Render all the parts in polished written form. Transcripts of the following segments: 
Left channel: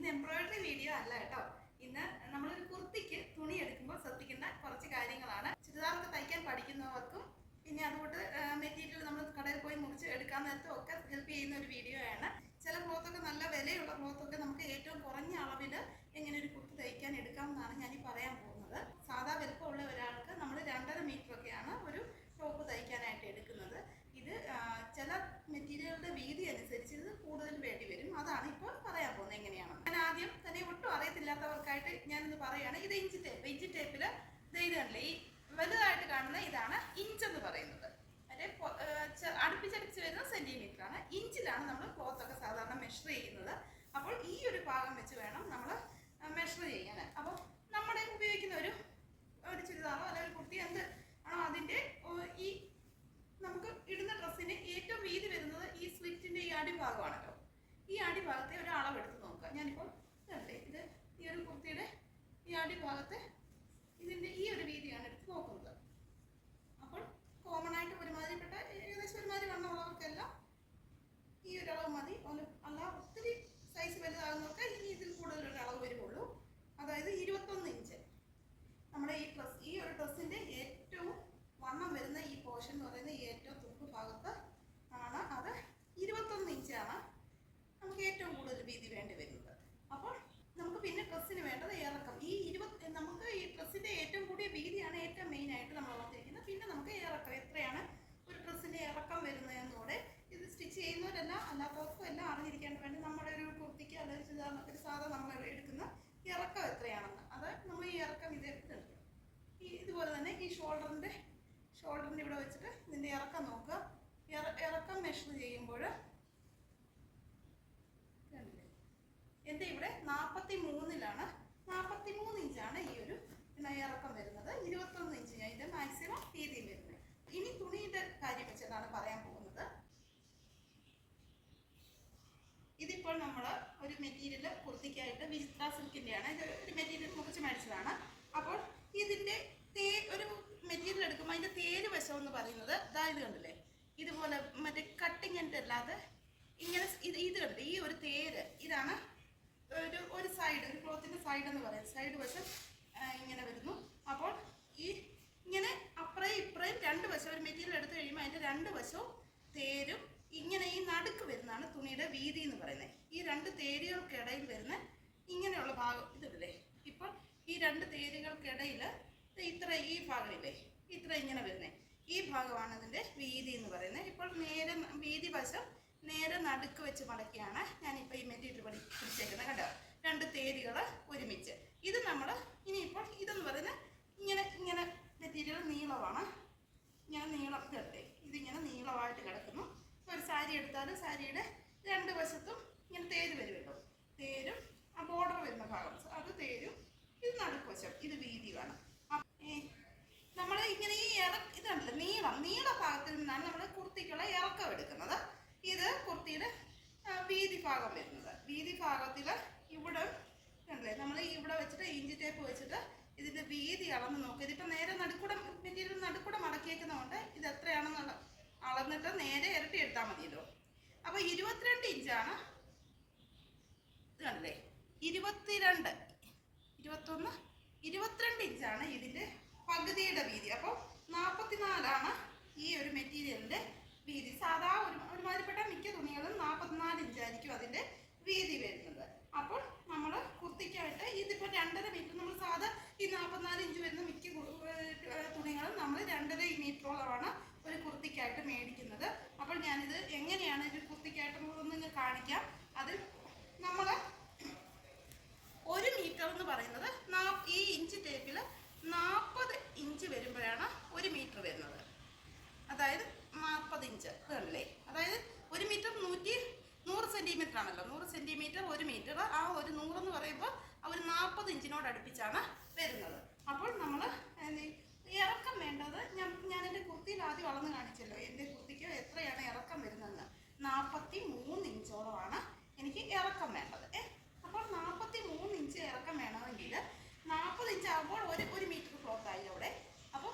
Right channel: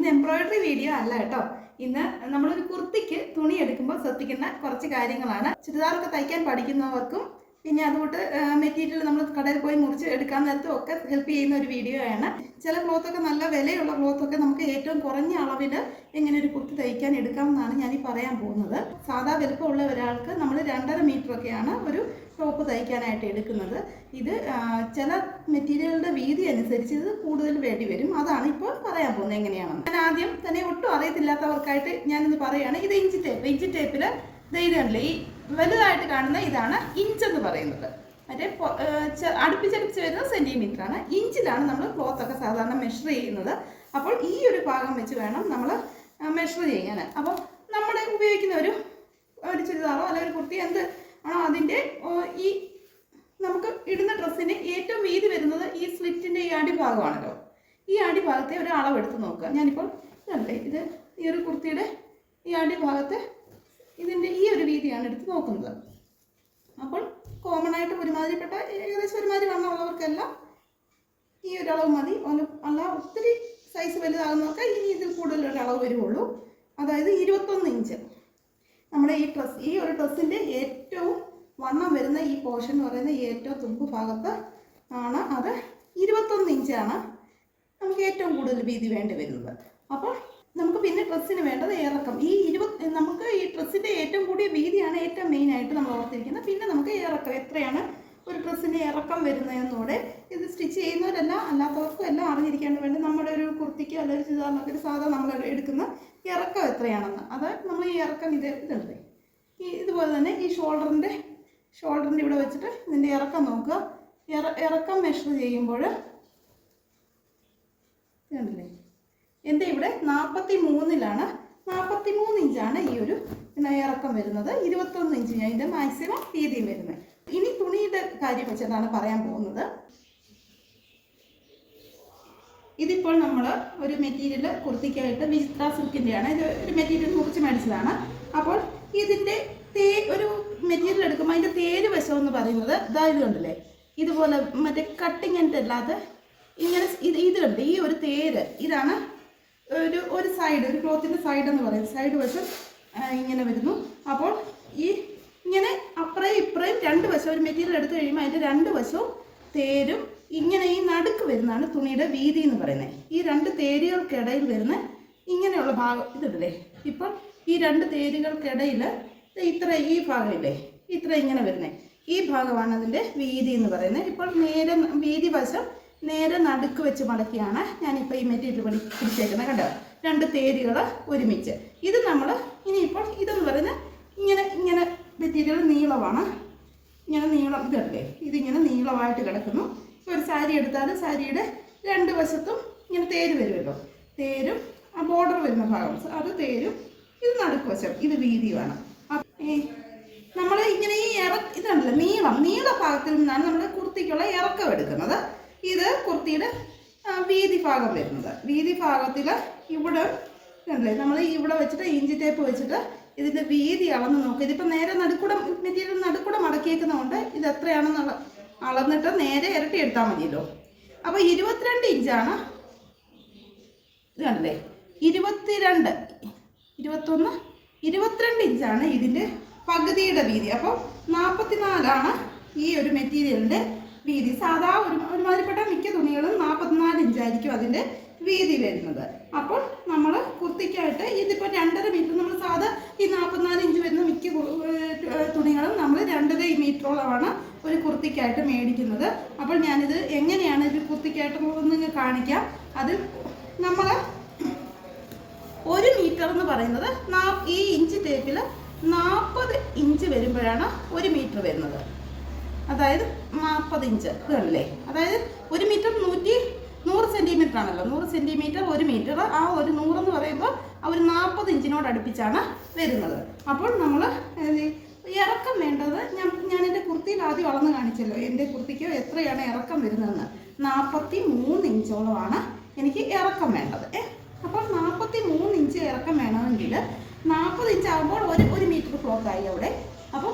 ഇന്ന് embroidery video അല്ല കേട്ടോ. ഇന്ന് നമ്മളൊരു കുർത്തിക്ക് തുണി എടുക്കുമ്പോൾ ശ്രദ്ധിക്കുന്ന കുറച്ച് കാര്യങ്ങളാണ്. ചുരിദാറൊക്കെ തയ്ക്കാൻ പഠിക്കുന്നവർക്കും പിന്നെ അതുകൊണ്ട് മെറ്റീരിയൽ നമ്മൾ കടയിൽ പോയി മുറിച്ച് എടുക്കാൻ നേരത്തും ഒക്കെ ഹെൽപ്പ് ചെയ്യുന്ന ഒരു വീഡിയോ ആണ്. ചില ക്ലോത്തൊക്കെ നല്ല വിലയുള്ള ക്ലോത്തൊക്കെ നമുക്ക് ഏറ്റവും കുറഞ്ഞ അളവിൽ എങ്ങനെ ഒരു കുർത്തി തയ്ക്കാൻ എടുക്കാമെന്നാണ് ഞാനീ പറയാൻ പോകുന്നത്. സാധാ വലുപ്പമുള്ള ഒരാൾക്ക് നമ്മൾ 2.5 മീറ്ററൊക്കെയാണ് ഒരു ടോപ്പ് തയ്ക്കാനായിട്ട് എടുക്കുന്നത്. ഇത് ചില മെറ്റീരിയലുടെ വീതി അനുസരിച്ച് ഇത് കൂടുതൽ വേണ്ടി വരും. അതാണ് ഇപ്പോൾ പറയാൻ പോകുന്നത് എങ്ങനെയാണെന്ന്. ഞാൻ ആദ്യം തന്നെ ഒട്ടും അറിയത്തില്ലാത്തവർക്കായിട്ട് ഞാനിന്ന് പറയുകയാണ്. ഇത് ഇഞ്ച് ടേപ്പിൽ ഇതുണ്ടല്ലേ, ഈ വലുതായിട്ട് കാണുന്ന ഇതാണ് ഇഞ്ചെന്ന് പറയുന്നത്. മറ്റേ അടുപ്പിച്ചടുപ്പിച്ച് വരുന്ന സെൻറ്റിമീറ്റർ ആണ്. ഇഞ്ചിലാണ് നമ്മൾ ക്ലോത്തൊക്കെ സാധാരണ മെഷർ ചെയ്യുന്നത്. അപ്പോൾ ഈ ഒരു ഭാഗം വെച്ച് വേണം നമ്മൾ മെഷർ ചെയ്യാൻ. അപ്പോൾ നമ്മൾ ഉപയോഗിക്കുന്ന ഒരു ചുരിദാറോ അല്ലെങ്കിൽ ഒരു കുർത്തി എന്ത് ആണോ അതിൻ്റെ ഈ നമുക്ക് ഇടുന്ന ഡ്രസ്സിന് ഏറ്റവും വീതി വരുന്നത് ഈ സ്ലിറ്റിൻ്റെ ഈ അടിഭാഗമാണല്ലോ. ഈ അടിഭാഗത്തെ ഒരു അളവെടുത്ത് നോക്കുക. ഞാനിപ്പോൾ ഇതല്ലേ, ഇത് ഈ ഒരു കുർത്തിയുടെ ഈ അടിഭാഗത്തെ ഇതിൻ്റെ ഈ ഒരു വീതിയാണ് എടുത്ത് നോക്കുന്നത്. അപ്പോൾ കോമൺ ആയിട്ട് ഒരുമാതിരിപ്പെട്ട ഏകദേശം ഒരുമാതിരി വണ്ണമുള്ളവർക്കെല്ലാം ഈ ഒരു അളവ് മതി. അല്ല ഒത്തിരി സൈസ് വലുതാകുന്നവർക്ക് ഇനി ഇതിൽ കൂടുതലൊരു അളവ് വരുള്ളൂ. അതായത് 21 ഇഞ്ച്. നമ്മുടെ ഈ ഒരു ഡ്രസ്സിൻ്റെ ഏറ്റവും വണ്ണം വരുന്ന ഈ പോർഷൻ എന്ന് പറയുന്ന ഏറ്റവും തുമ്പ് ഭാഗത്ത് ആണ്. അത് 21 ഇഞ്ചാണ് നമുക്ക് ഏറ്റവും കൂടുതൽ വീതി വേണ്ടി വരുന്നത്. അപ്പോൾ നമുക്ക് പിന്നെ ഡ്രസ്സിന് വേണ്ടത് ഇറക്കം. നമുക്ക് ഈ ഡ്രസ്സിൻ്റെ ഏറ്റവും കൂടിയ വീതിയാണ് ഏറ്റവും മെയിനായിട്ട് നമ്മൾ ഓർത്തിരിക്കുന്നത്. പിന്നെ നമുക്ക് ഇറക്കം എത്രയാണ് ഒരു ഡ്രസ്സിൻ്റെ ഇറക്കം വരുന്നതെന്നൂടെ ഇത് സ്റ്റിച്ച് ചെയ്യുന്നവരെല്ലാം അല്ലാത്തവർക്കും എല്ലാം അറിഞ്ഞിരിക്കേണ്ട വേണ്ടി നമ്മുടെ ഒരു കുർത്തിക്കോ അല്ലെങ്കിൽ ചുരിദാറിനൊക്കെ ഒരു സാധാരണ നമ്മൾ എടുക്കുന്ന ഇറക്കം എത്രയാണെന്ന്. അത് നമ്മൾ ഈ ഇറക്കം ഇതുണ്ട് ഇതുപോലെ തന്നെ ഈ ഷോൾഡറിൻ്റെ ഇവിടെ വെച്ചിട്ട് ഇതിൻ്റെ ഇറക്കം നോക്കുക. ഇറക്കം മെഷർ ചെയ്യുമ്പോൾ ഇതുണ്ടല്ലേ, എൻ്റെ ഇവിടെ 43-ലാണ് 43 ഇഞ്ചാണ് ഈ ഒരു ഇറക്കം വരുന്നത്. 21 ഇഞ്ച് ഞാൻ ഇതിൻ്റെ മാക്സിമം വീതിയും വരുന്നത്. ഇനി തുണിയുടെ കാര്യം വെച്ചിട്ടാണ് പറയാൻ പോകുന്നത്. ഇതിപ്പോൾ നമ്മൾ ഒരു മെറ്റീരിയൽ കുർത്തിക്കായിട്ട് വിചിത്ര സിൽക്കിൻ്റെയാണ്. ഇത് ഒരു മെറ്റീരിയൽ മുറിച്ച് മേടിച്ചതാണ്. അപ്പോൾ ഇതിൻ്റെ ഒരു മെറ്റീരിയൽ എടുക്കുമ്പോൾ അതിൻ്റെ തേര് വശം എന്ന് പറയുന്നത് ഇതായത് കണ്ടില്ലേ, ഇതുപോലെ മറ്റേ കട്ടിങ്ങിൻ്റെ അല്ലാതെ ഇങ്ങനെ ഇത് കണ്ട് ഈ ഒരു തേര് ഇതാണ് ഒരു സൈഡ്, ഒരു ക്ലോത്തിൻ്റെ സൈഡ് എന്ന് പറയുന്നത്. സൈഡ് വശം ഇങ്ങനെ വരുന്നു. അപ്പോൾ ഈ ഇങ്ങനെ അപ്പുറയും ഇപ്പുറയും രണ്ട് വശം ഒരു മെറ്റീരിയൽ എടുത്തു കഴിയുമ്പോൾ അതിൻ്റെ രണ്ട് വശവും തേരും ഇങ്ങനെ ഈ നടുക്ക് വരുന്നതാണ് തുണിയുടെ വീതി എന്ന് പറയുന്നത്. ഈ രണ്ട് തേരുകൾക്കിടയിൽ വരുന്ന ഇങ്ങനെയുള്ള ഭാഗം ഇതില്ലേ, ഇപ്പോൾ ഈ രണ്ട് തേരുകൾക്കിടയിൽ ഈ ഭാഗമില്ലേ, ഇത്ര ഇങ്ങനെ വരുന്നത് ഈ ഭാഗമാണ് അതിൻ്റെ വീതി എന്ന് പറയുന്നത്. ഇപ്പോൾ നേരെ വീതി വശം നേരെ നടുക്ക് വെച്ച് മടക്കിയാണ് ഞാനിപ്പോൾ ഈ മെറ്റീരിയൽ പിടിച്ചേക്കുന്നത്. കണ്ടോ, രണ്ട് തേരുകൾ ഒരുമിച്ച്. ഇത് നമ്മൾ ഇനിയിപ്പോൾ ഇതെന്ന് പറയുന്നത് ഇങ്ങനെ മെറ്റീരിയൽ നീളമാണ്. ഇങ്ങനെ നീളം ഇതല്ലേ, ഇതിങ്ങനെ നീളമായിട്ട് കിടക്കുന്നു. ഒരു സാരി എടുത്താൽ സാരിയുടെ രണ്ട് വശത്തും ഇങ്ങനെ തേര് വരുമല്ലോ, തേരും ആ ബോർഡർ വരുന്ന ഭാഗം അത് തേരും, ഇത് നടുക്ക് വശം, ഇത് വീതിയുമാണ്. നമ്മൾ ഇങ്ങനെ ഈ ഇതുണ്ടല്ലോ നീള ഭാഗത്തിൽ നിന്നാണ് നമ്മൾ കുർത്തിക്കുള്ള ഇറക്കം എടുക്കുന്നത്. ഇത് കുർത്തിയുടെ വീതി ഭാഗം വരുന്നത്. വീതി ഭാഗത്തിൽ ഇവിടെ ഉണ്ടല്ലേ, നമ്മൾ ഇവിടെ വെച്ചിട്ട് ഇഞ്ചി ടേപ്പ് വെച്ചിട്ട് ഇതിൻ്റെ വീതി അളന്ന് നോക്കുക. ഇതിപ്പോൾ നേരെ മെറ്റീരിയൽ നടുക്കൂടെ മടക്കിയേക്കുന്നതുകൊണ്ട് ഇത് എത്രയാണെന്നുള്ള അളന്നിട്ട് നേരെ ഇരട്ടി എടുത്താൽ മതിയല്ലോ. അപ്പോൾ 22 ഇഞ്ചാണ്. ഇതല്ലേ 22 21 22 ഇഞ്ചാണ് ഇതിൻ്റെ പകുതിയുടെ വീതി. അപ്പോൾ 44ആണ് ഈ ഒരു മെറ്റീരിയലിൻ്റെ വീതി. സാധാ ഒരുമാതിരിപ്പെട്ട മിക്ക തുണികളും 44 ഇഞ്ചായിരിക്കും അതിൻ്റെ വീതി വരുന്നത്. അപ്പോൾ നമ്മൾ കുർത്തിക്കായിട്ട് ഇതിപ്പോൾ 2.5 മീറ്റർ, നമ്മൾ സാധാ ഈ 44 ഇഞ്ച് വരുന്ന മിക്ക തുണികളും നമ്മൾ 2.5 മീറ്ററോളമാണ് ഒരു കുർത്തിക്കായിട്ട് മേടിക്കുന്നത്. അപ്പോൾ ഞാനിത് എങ്ങനെയാണ് ഒരു കുർത്തിക്കായിട്ട് കാണിക്കാം. അതിൽ നമ്മൾ 1 മീറ്റർ എന്ന് പറയുന്നത് ഈ ഇഞ്ച് ടേപ്പിൽ 40 ഇഞ്ച് വരുമ്പോഴാണ് 1 മീറ്റർ വരുന്നത്. അതായത് 40 ഇഞ്ച് ഇതല്ലേ, അതായത് 1 മീറ്റർ 100 സെൻറ്റിമീറ്റർ ആണല്ലോ. 100 സെൻറ്റിമീറ്റർ 1 മീറ്റർ, ആ ഒരു 100 എന്ന് പറയുമ്പോൾ ആ ഒരു 40 ഇഞ്ചിനോട് അടുപ്പിച്ചാണ് വരുന്നത്. അപ്പോൾ നമ്മൾ ഇറക്കം വേണ്ടത് ഞാൻ എൻ്റെ കുർത്തിയിൽ ആദ്യം അളന്ന് കാണിച്ചല്ലോ. എൻ്റെ കുർത്തിക്ക് എത്രയാണ് ഇറക്കം വരുന്നതെന്ന്. 43 ഇഞ്ചോളമാണ് എനിക്ക് ഇറക്കം വേണ്ടത്. അപ്പോൾ 43 ഇഞ്ച് ഇറക്കം വേണമെങ്കിൽ 40 ഇഞ്ച് ആകുമ്പോൾ 1 മീറ്റർ ക്ലോത്തായി അവിടെ. അപ്പോൾ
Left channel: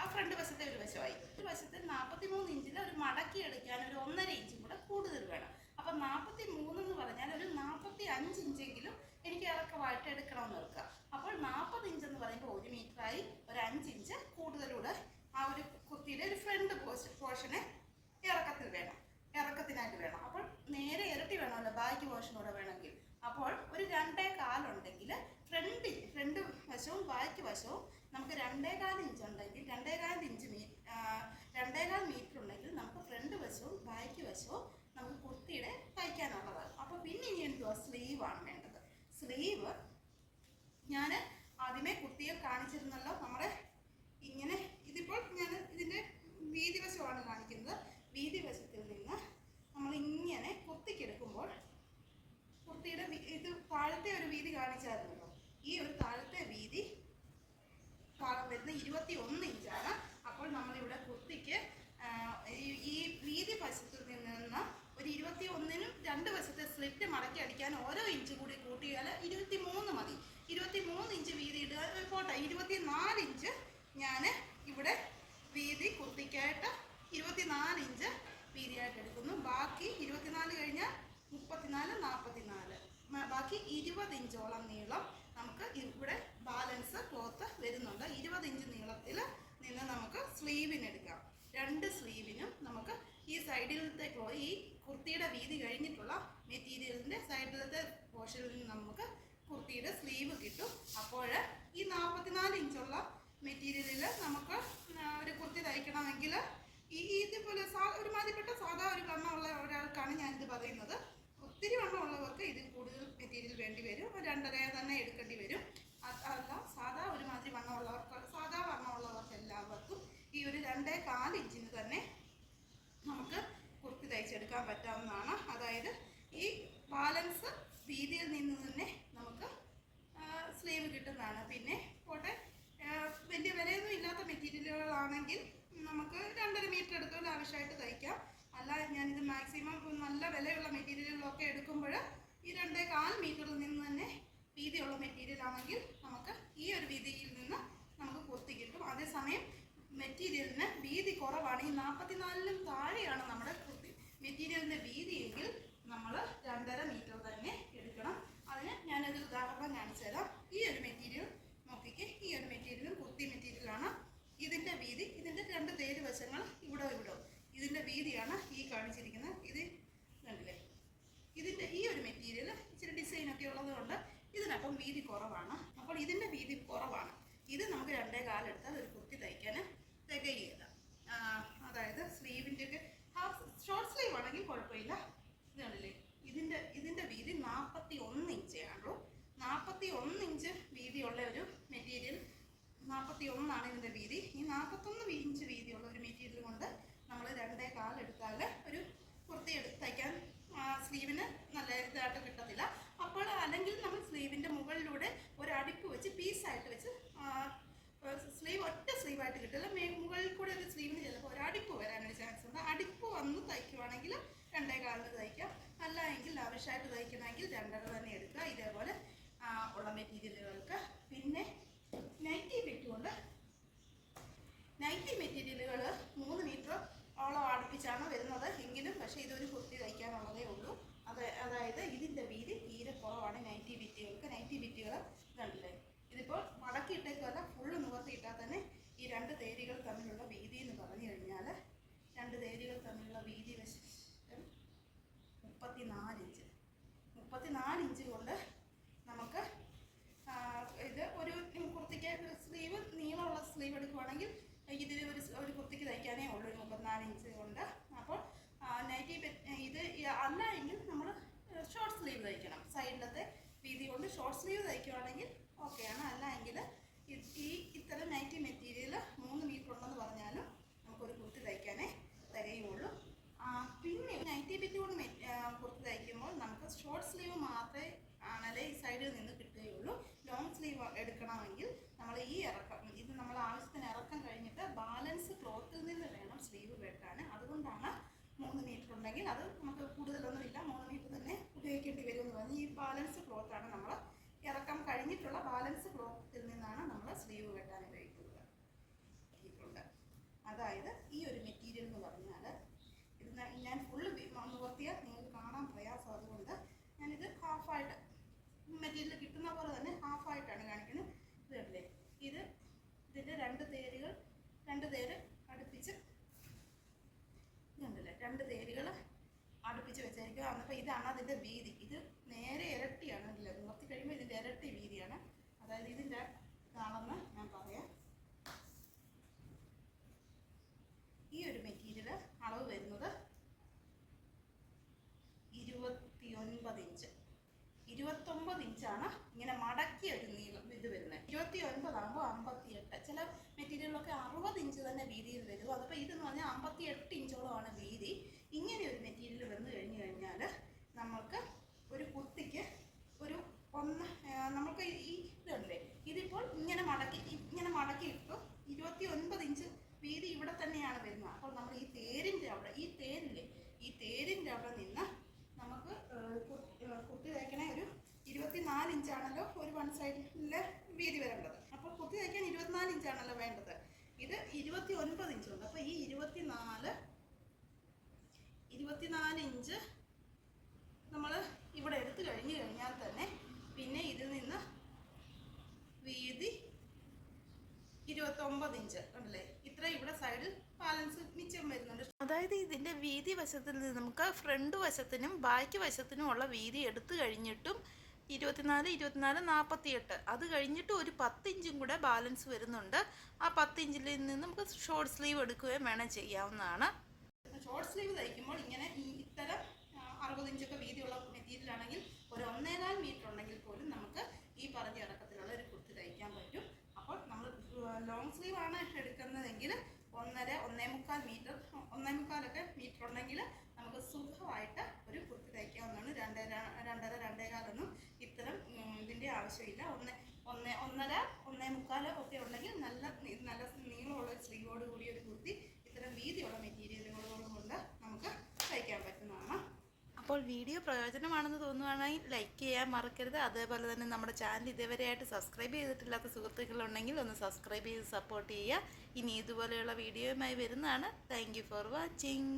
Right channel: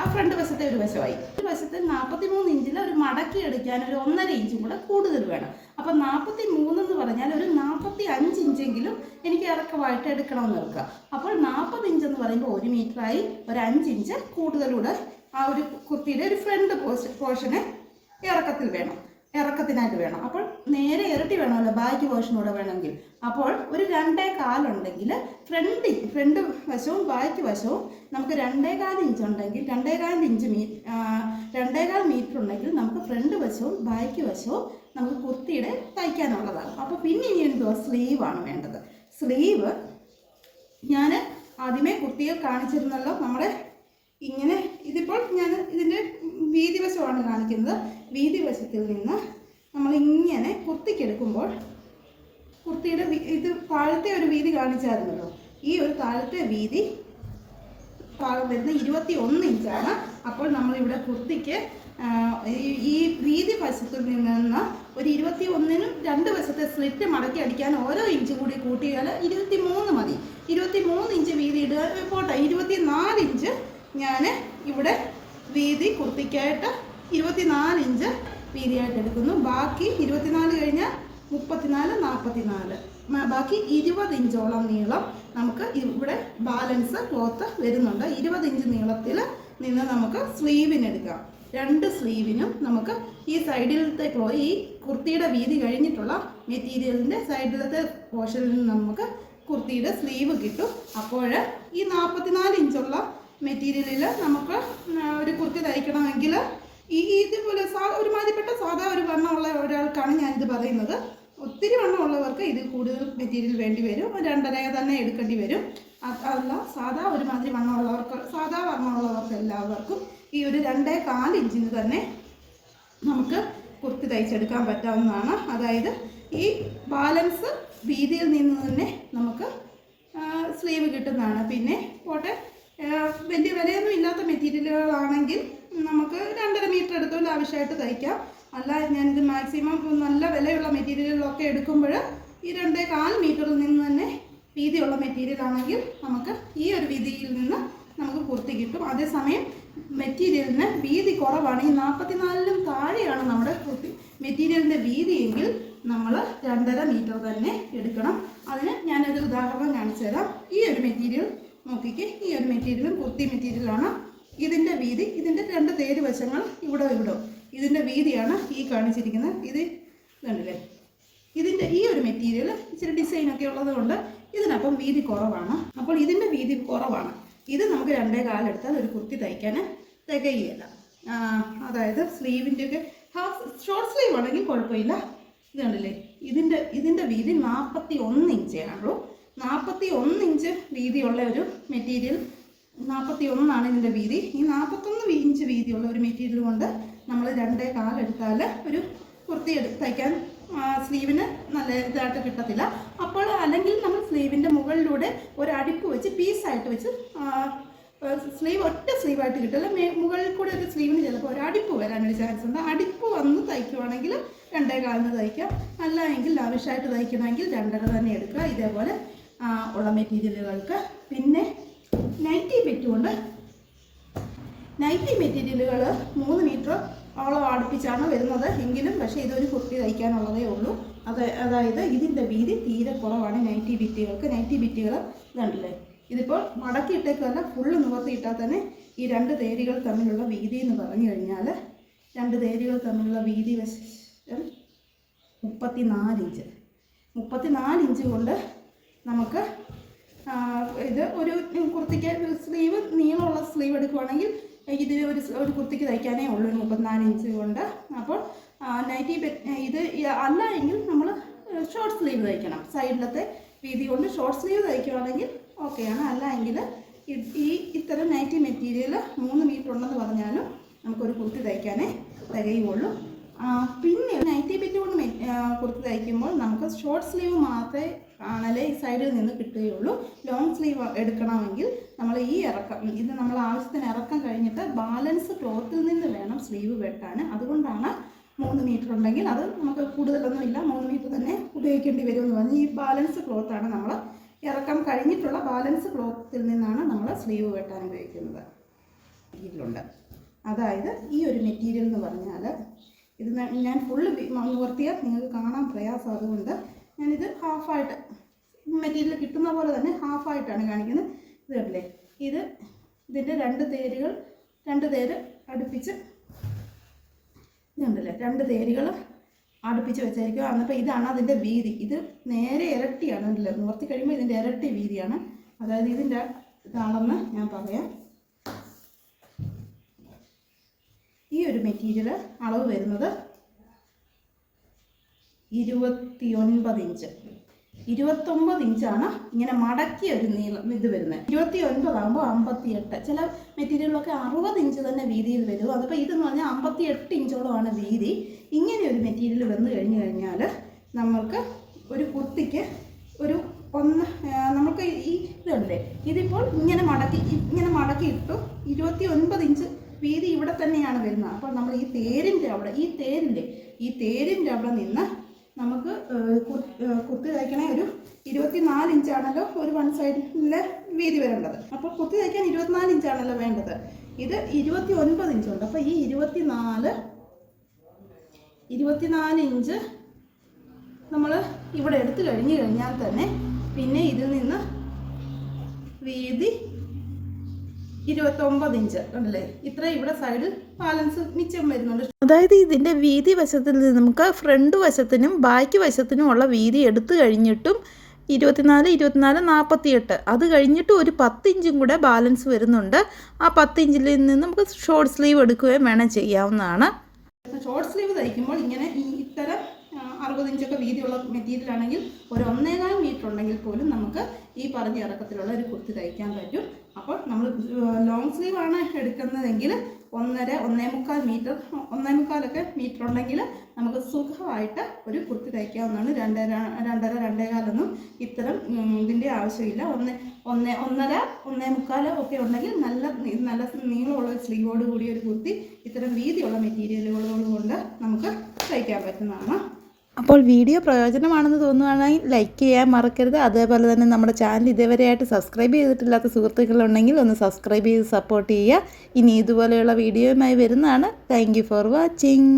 ആ ഫ്രണ്ട് വശത്തെ ഒരു വശമായി. ഒരു വശത്ത് 43 ഇഞ്ചിൽ ഒരു മടക്കി എടുക്കാൻ ഒരു 1.5 ഇഞ്ചും കൂടെ കൂടുതൽ വേണം. അപ്പം 43 എന്ന് പറഞ്ഞാൽ ഒരു 45 ഇറക്കമായിട്ട് എടുക്കണമെന്ന് വെക്കുക. അപ്പോൾ 40 ഇഞ്ച് എന്ന് പറയുമ്പോൾ 1 മീറ്ററായി, ഒരു 5 ഇഞ്ച് കൂടുതലൂടെ ആ ഒരു കുർത്തിയുടെ ഒരു ഫ്രണ്ട് പോർഷന് ഇറക്കത്തിനായിട്ട് വേണം. അപ്പോൾ നേരെ ഇരട്ടി വേണമല്ലോ ബാക്ക് പോർഷനൂടെ വേണമെങ്കിൽ. അപ്പോൾ ഒരു 2.25 ഉണ്ടെങ്കിൽ ഫ്രണ്ട് വശവും ബാക്ക് വശവും നമുക്ക് 2.25 ഇഞ്ച് ഉണ്ടെങ്കിൽ 2.25 മീറ്റർ ഉണ്ടെങ്കിൽ നമുക്ക് ഫ്രണ്ട് വശവും ബാക്ക് വശവും നമുക്ക് കുർത്തിയുടെ തയ്ക്കാനുള്ളതാണ്. അപ്പോൾ പിന്നെ ഇനി എന്തുവാ, സ്ലീവാണ് വേണ്ടത്. സ്ലീവ് ഞാൻ ആദ്യമേ കുർത്തിയിൽ കാണിച്ചിരുന്നല്ലോ. നമ്മുടെ ഇങ്ങനെ ഇതിപ്പോൾ ഞാൻ ഇതിൻ്റെ വീതി വശമാണ് കാണിക്കുന്നത്. വീതി വശത്തിൽ നിന്ന് നമ്മളിങ്ങനെ കുർത്തിക്കെടുക്കുമ്പോൾ കുർത്തിയുടെ ഇത് താഴത്തെ ഒരു വീതി കാണിച്ചായിരുന്നല്ലോ. ഈ ഒരു താഴത്തെ വീതി വരുന്നത് 21 ഇഞ്ചാണ്. അപ്പോൾ നമ്മളിവിടെ കുർത്തിക്ക് ഈ വീതി വശത്തിൽ നിന്ന് ഒരു 21-നും 2 വശത്തെ സ്ലിറ്റ് മടക്കി അടിക്കാൻ ഓരോ ഇഞ്ച് കൂടി കൂട്ടിയാൽ 23 മതി. 23 ഇഞ്ച് വീതി ഇടുക പോട്ടെ. 24 ഇഞ്ച് ഞാൻ ഇവിടെ വീതി കുർത്തിക്കായിട്ട് 24 ഇഞ്ച് വീതിയായിട്ട് എടുക്കുന്നു. ബാക്കി 24 കഴിഞ്ഞാൽ 34, 44, ബാക്കി 20 ഇഞ്ചോളം നീളം നമുക്ക് ഇവിടെ ബാലൻസ് ക്ലോത്ത് വരുന്നുണ്ട്. 20 ഇഞ്ച് നീളത്തിൽ നിന്ന് നമുക്ക് സ്ലീവിനെടുക്കാം. 2 സ്ലീവിനും നമുക്ക് ഈ സൈഡിലത്തെ ഈ കുർത്തിയുടെ വീതി കഴിഞ്ഞിട്ടുള്ള മെറ്റീരിയലിൻ്റെ സൈഡിലത്തെ പോർഷനിൽ നിന്ന് നമുക്ക് കുർത്തിയുടെ സ്ലീവ് കിട്ടും. അപ്പോൾ ഈ 44 ഇഞ്ചുള്ള മെറ്റീരിയലിൽ നമുക്ക് ഒരു കുർത്തി തയ്ക്കണമെങ്കിൽ ഇതുപോലെ ഒരുമാതിരിപ്പെട്ട സാധാ ഒരു വണ്ണമുള്ള ഒരാൾക്കാണ് ഞാനിത് പറയുന്നത്. ഒത്തിരി വണ്ണമുള്ളവർക്ക് ഇതിൽ കൂടുതൽ മെറ്റീരിയൽ വേണ്ടി വരും. 2.5 തന്നെ എടുക്കേണ്ടി വരും. അതല്ല സാധാ ഒരുമാതിരി വണ്ണമുള്ളവർക്ക് എല്ലാവർക്കും ഈ ഒരു 2.25 ഇഞ്ചിന് തന്നെ നമുക്ക് കുർത്തി തയ്ച്ചെടുക്കാൻ പറ്റാവുന്നതാണ്. അതായത് ഈ ബാലൻസ് വീതിയിൽ നിന്ന് തന്നെ നമുക്ക് സ്ലീവ് കിട്ടുന്നതാണ്. പിന്നെ പോട്ടെ വലിയ വിലയൊന്നും ഇല്ലാത്ത മെറ്റീരിയലുകളാണെങ്കിൽ നമുക്ക് 2.5 മീറ്റർ എടുത്തോണ്ട് ആവശ്യമായിട്ട് തയ്ക്കാം. അല്ല ഞാനിത് മാക്സിമം നല്ല വിലയുള്ള മെറ്റീരിയലുകളൊക്കെ എടുക്കുമ്പോൾ ഈ 2.25 മീറ്ററിൽ നിന്ന് തന്നെ വീതിയുള്ള മെറ്റീരിയൽ ആണെങ്കിൽ നമുക്ക് ഈ ഒരു വീതിയിൽ നിന്ന് നമുക്ക് കുർത്തി കിട്ടും. അതേസമയം മെറ്റീരിയലിന് വീതി കുറവാണ്, ഈ 44-ലും താഴെയാണ് നമ്മുടെ കുർത്തി മെറ്റീരിയലിൻ്റെ വീതിയെങ്കിൽ നമ്മൾ 2.5 മീറ്റർ തന്നെ എടുക്കണം. അതിന് ഞാനൊരു ഉദാഹരണം കാണിച്ചു തരാം. ഈ ഒരു മെറ്റീരിയൽ നോക്കിക്കേ, ഈ ഒരു മെറ്റീരിയലും കുർത്തി മെറ്റീരിയലാണ്. ഇതിൻ്റെ വീതി, ഇതിൻ്റെ 2 തേര് വശങ്ങൾ ഇവിടെ ഇതിൻ്റെ വീതിയാണ് ഈ കാണിച്ചിരിക്കുന്നത്. ഇത് കണ്ടില്ലേ, ഇതിൻ്റെ ഈ ഒരു മെറ്റീരിയൽ ഇച്ചിരി ഡിസൈനൊക്കെ ഉള്ളതുകൊണ്ട് ഇതിനപ്പം വീതി കുറവാണ്. അപ്പോൾ ഇതിൻ്റെ വീതി കുറവാണ്. ഇത് നമുക്ക് 2.25 എടുത്താൽ ഒരു കുർത്തി തയ്ക്കാൻ തികയില്ല. അതായത് സ്ലീവിൻ്റെയൊക്കെ ഷോർട്ട് സ്ലീവ് ആണെങ്കിൽ കുഴപ്പമില്ല. ഇത് കണ്ടില്ലേ, ഇതിൻ്റെ വീതി 41 ഇഞ്ചാണുള്ളൂ. 41 ഇഞ്ച് വീതിയുള്ള ഒരു മെറ്റീരിയൽ, 41 ഇതിൻ്റെ വീതി. ഈ 41 ഇഞ്ച് വീതിയുള്ള ഒരു മെറ്റീരിയൽ കൊണ്ട് നമ്മൾ 2.25 എടുത്താൽ ഒരു കുർത്തി തയ്ക്കാൻ സ്ലീവിന് നല്ല ഇതായിട്ട് കിട്ടത്തില്ല. അപ്പോൾ അല്ലെങ്കിൽ നമ്മൾ സ്ലീവിൻ്റെ മുകളിലൂടെ ഒരു അടിപ്പ് വെച്ച് പീസായിട്ട് വെച്ച് സ്ലീവ് ഒറ്റ സ്ലീവായിട്ട് കിട്ടില്ല, മുകളിൽ കൂടെ ഒരു സ്ലീവിന് ചിലപ്പോൾ ഒരു അടിപ്പ് വരാനൊരു ചാൻസ് ഉണ്ട്. അടിപ്പ് വന്ന് തയ്ക്കുവാണെങ്കിൽ 2.25 തയ്ക്കാം. അല്ല എങ്കിൽ ആവശ്യമായിട്ട് തയ്ക്കണമെങ്കിൽ 2.5 തന്നെ എടുക്കുക. ഇതേപോലെ ഉള്ള മെറ്റീരിയലുകൾക്ക്. പിന്നെ നൈറ്റി പെറ്റുകൊണ്ട് നൈറ്റി മെറ്റീരിയലുകൾ 3 മീറ്റർ ഓളം അടുപ്പിച്ചാണ് വരുന്നത് എങ്കിലും പക്ഷേ ഇതൊരു കുർത്തി തയ്ക്കാനുള്ളതേ ഉള്ളൂ. അതായത് ഇതിൻ്റെ വീതി തീരെ കുറവാണ് നൈറ്റി ബിറ്റുകൾക്ക്. നൈറ്റി ബിറ്റുകൾ ഇതുണ്ടല്ലേ, ഇതിപ്പോൾ മടക്കിയിട്ടേക്കല്ല, ഫുള്ള് നിവർത്തിയിട്ടാൽ തന്നെ ഈ 2 തേരുകൾ തമ്മിലുള്ള വീതി എന്ന് പറഞ്ഞു കഴിഞ്ഞാൽ 2 തേരുകൾ തമ്മിലുള്ള വീതി വശം 34 ഇഞ്ച്. 34 ഇഞ്ച് കൊണ്ട് നമുക്ക് ഇത് ഒരു കുർത്തിക്ക് സ്ലീവ് നീളമുള്ള സ്ലീവ് എടുക്കുവാണെങ്കിൽ ഇത് ഒരു കുർത്തിക്ക് തയ്ക്കാനേ ഉള്ളൂ 34 ഇഞ്ച് കൊണ്ട്. അപ്പോൾ നൈറ്റി ഇത് അല്ല എങ്കിൽ നമ്മൾ ഷോർട്ട് സ്ലീവ് തയ്ക്കണം. സൈഡിലത്തെ വീതി കൊണ്ട് ഷോർട്ട് സ്ലീവ് തയ്ക്കുവാണെങ്കിൽ ഓക്കെയാണ്. അല്ല എങ്കിൽ ഇത്തരം നൈറ്റി മെറ്റീരിയൽ 3 മീറ്റർ ഉണ്ടെന്ന് പറഞ്ഞാലും നമുക്കൊരു കുർത്തി തയ്ക്കാനേ തികയുള്ളൂ. പിന്നെ നൈറ്റി ബിറ്റ് കൊണ്ട് കുർത്തി തയ്ക്കുമ്പോൾ നമുക്ക് ഷോർട്ട് സ്ലീവ് മാത്രമേ ആണല്ലേ ഈ സൈഡിൽ നിന്ന് കിട്ടുകയുള്ളൂ. ലോങ് സ്ലീവ് എടുക്കണമെങ്കിൽ നമ്മൾ ഈ ഇറക്കം, ഇത് നമ്മൾ ആവശ്യത്തിന് ഇറക്കം കഴിഞ്ഞിട്ട് ബാലൻസ് ക്ലോത്തിൽ നിന്ന് വേണം സ്ലീവ് വെട്ടാൻ. അതുകൊണ്ടാണ് 3 മീറ്റർ ഉണ്ടെങ്കിൽ അത് നമുക്ക് കൂടുതലൊന്നും ഇല്ല, 3 മീറ്റർ തന്നെ ഉപയോഗിക്കേണ്ടി വരുമെന്ന് പറഞ്ഞ് ഈ ബാലൻസ് ക്ലോത്താണ് നമ്മൾ ഇറക്കം കഴിഞ്ഞിട്ടുള്ള ബാലൻസ് ക്ലോത്തിൽ നിന്നാണ് നമ്മൾ സ്ലീവ് വെട്ടാൻ ഉപയോഗിക്കുന്നത്. ഇതിലുണ്ട്. അതായത് ഈ ഒരു മെറ്റീരിയൽ എന്ന് പറഞ്ഞാൽ ഇത് ഞാൻ ഫുള്ള് നിവർത്തിയാൽ നിങ്ങൾക്ക് കാണാൻ പ്രയാസം, അതുകൊണ്ട് ഞാനിത് ഹാഫായിട്ട് മെറ്റീരിയൽ കിട്ടുന്ന പോലെ തന്നെ ഹാഫായിട്ടാണ് കാണിക്കുന്നത്. ഇത് കണ്ടില്ലേ, ഇതിൻ്റെ രണ്ട് തേര് അടുപ്പിച്ച് ഇതുണ്ടല്ലേ, 2 തേരുകൾ അടുപ്പിച്ച് വെച്ചായിരിക്കും. എന്നിപ്പോൾ ഇതാണ് അതിൻ്റെ വീതി. ഇത് നേരെ ഇരട്ടിയാണ്, ഉണ്ടല്ലോ, നിവർത്തി കഴിയുമ്പോൾ ഇതിൻ്റെ ഇരട്ടി വീതിയാണ്. അതായത് ഇതിൻ്റെ ഇതാണെന്ന് ഞാൻ പറയാം. ഈ ഒരു മെറ്റീരിയൽ അളവ് വരുന്നത് 29 ഇഞ്ച്. 29 ഇഞ്ചാണ് ഇങ്ങനെ മടക്കിയ ഒരു നീളം ഇത് വരുന്നത്. 29 ആകുമ്പോൾ 58. ചില മെറ്റീരിയലൊക്കെ 60 ഇഞ്ച് തന്നെ വീതിയിൽ വരും. അതിപ്പോൾ ഇതെന്ന് പറഞ്ഞാൽ 58 ഇഞ്ചോളമാണ് വീതി. ഇങ്ങനെ ഒരു മെറ്റീരിയൽ വന്നു കഴിഞ്ഞാൽ നമ്മൾക്ക് ഒരു കുർത്തിക്ക് നമുക്ക് ഈ ഇതുണ്ടല്ലേ, ഇതിപ്പോൾ ഇങ്ങനെ മടക്കി ഇട്ടു. 29 ഇഞ്ച് വീതി ഇവിടെ തന്നെയാണ് വരുന്നത്. അപ്പോൾ നമ്മൾ ഈ തേരിൻ്റെ അവിടെ നിന്ന് നമുക്ക് കുർത്തി തയ്ക്കണേ ഒരു 24 ഇഞ്ചാണല്ലോ ഒരു വൺ സൈഡിലെ വീതി വരേണ്ടത്. അപ്പോൾ കുർത്തി തയ്ക്കാൻ 24 ഇഞ്ചാണല്ലോ വേണ്ടത്. ഇത് 29 ഇഞ്ചുണ്ട്. അപ്പോൾ ഈ 24 ഇഞ്ച് നമ്മൾ ഇവിടെ എടുത്തു കഴിഞ്ഞാൽ തന്നെ പിന്നെ ഇതിൽ നിന്ന് വീതി 29 ഇഞ്ച് ഉണ്ടല്ലേ, ഇത്ര ഇവിടെ സൈഡിൽ ബാലൻസ് മിച്ചം വരുന്നുണ്ട്. അതായത് ഇതിൻ്റെ വീതി വശത്തിൽ നിന്ന് നമുക്ക് ഫ്രണ്ട് വശത്തിനും ബാക്ക് വശത്തിനും ഉള്ള വീതി എടുത്തു കഴിഞ്ഞിട്ടും 24, 48 അത് കഴിഞ്ഞിട്ട് ഒരു 10 ഇഞ്ചും കൂടെ ബാലൻസ് വരുന്നുണ്ട്. ആ 10 ഇഞ്ചിൽ നിന്ന് നമുക്ക് ഷോർട്ട് സ്ലീവ് എടുക്കുകയും വേണം ചെയ്യാവുന്നതാണ്. ഷോർട്ട് സ്ലീവ് തയ്ക്കുമ്പോൾ ഇങ്ങനെ ഇത്തരം 60 ഇഞ്ചൊക്കെ വീതിയുള്ള മെറ്റീരിയൽ ആണെങ്കിൽ ഒരു 1.25 മീറ്റർ ഉണ്ടെങ്കിൽ പോലും നമുക്ക് ഈ പറഞ്ഞ ഇറക്കത്തിലുള്ള ഒരു കുർത്തി തയ്ക്കാൻ പറ്റും. അപ്പോൾ നമ്മൾ ലോങ് സ്ലീവ് ആണ് എടുക്കുന്നതെങ്കിൽ 1.5 മീറ്റർ 1.25 മീറ്റർ ഉണ്ടെങ്കിൽ നമുക്ക് സുഖമായിട്ട് ഒരു കുർത്തി തയ്ക്കാവുന്നതാണ്. 2.5 ഇത്തരം ഇതിൻ്റെ ആവശ്യമില്ല. 1.5 1.25 ഒക്കെ ഉണ്ടെങ്കിൽ നല്ല നീളമുള്ള സ്ലീവോട് കൂടിയ ഒരു കുർത്തി ഇത്തരം വീതിയുള്ള മെറ്റീരിയലുകളോട് കൊണ്ട് നമുക്ക് തയ്ക്കാൻ പറ്റുന്നതാണ്. അപ്പോൾ വീഡിയോ പ്രയോജനമാണെന്ന് തോന്നുകയാണെങ്കിൽ ലൈക്ക് ചെയ്യാൻ മറക്കരുത്. അതേപോലെ തന്നെ നമ്മുടെ ചാനൽ ഇതേവരെയായിട്ട് സബ്സ്ക്രൈബ് ചെയ്തിട്ടില്ലാത്ത സുഹൃത്തുക്കളുണ്ടെങ്കിൽ ഒന്ന് സബ്സ്ക്രൈബ് ചെയ്ത് സപ്പോർട്ട് ചെയ്യുക. ഇനി ഇതുപോലെയുള്ള വീഡിയോയുമായി വരുന്നതാണ്. Thank you for watching.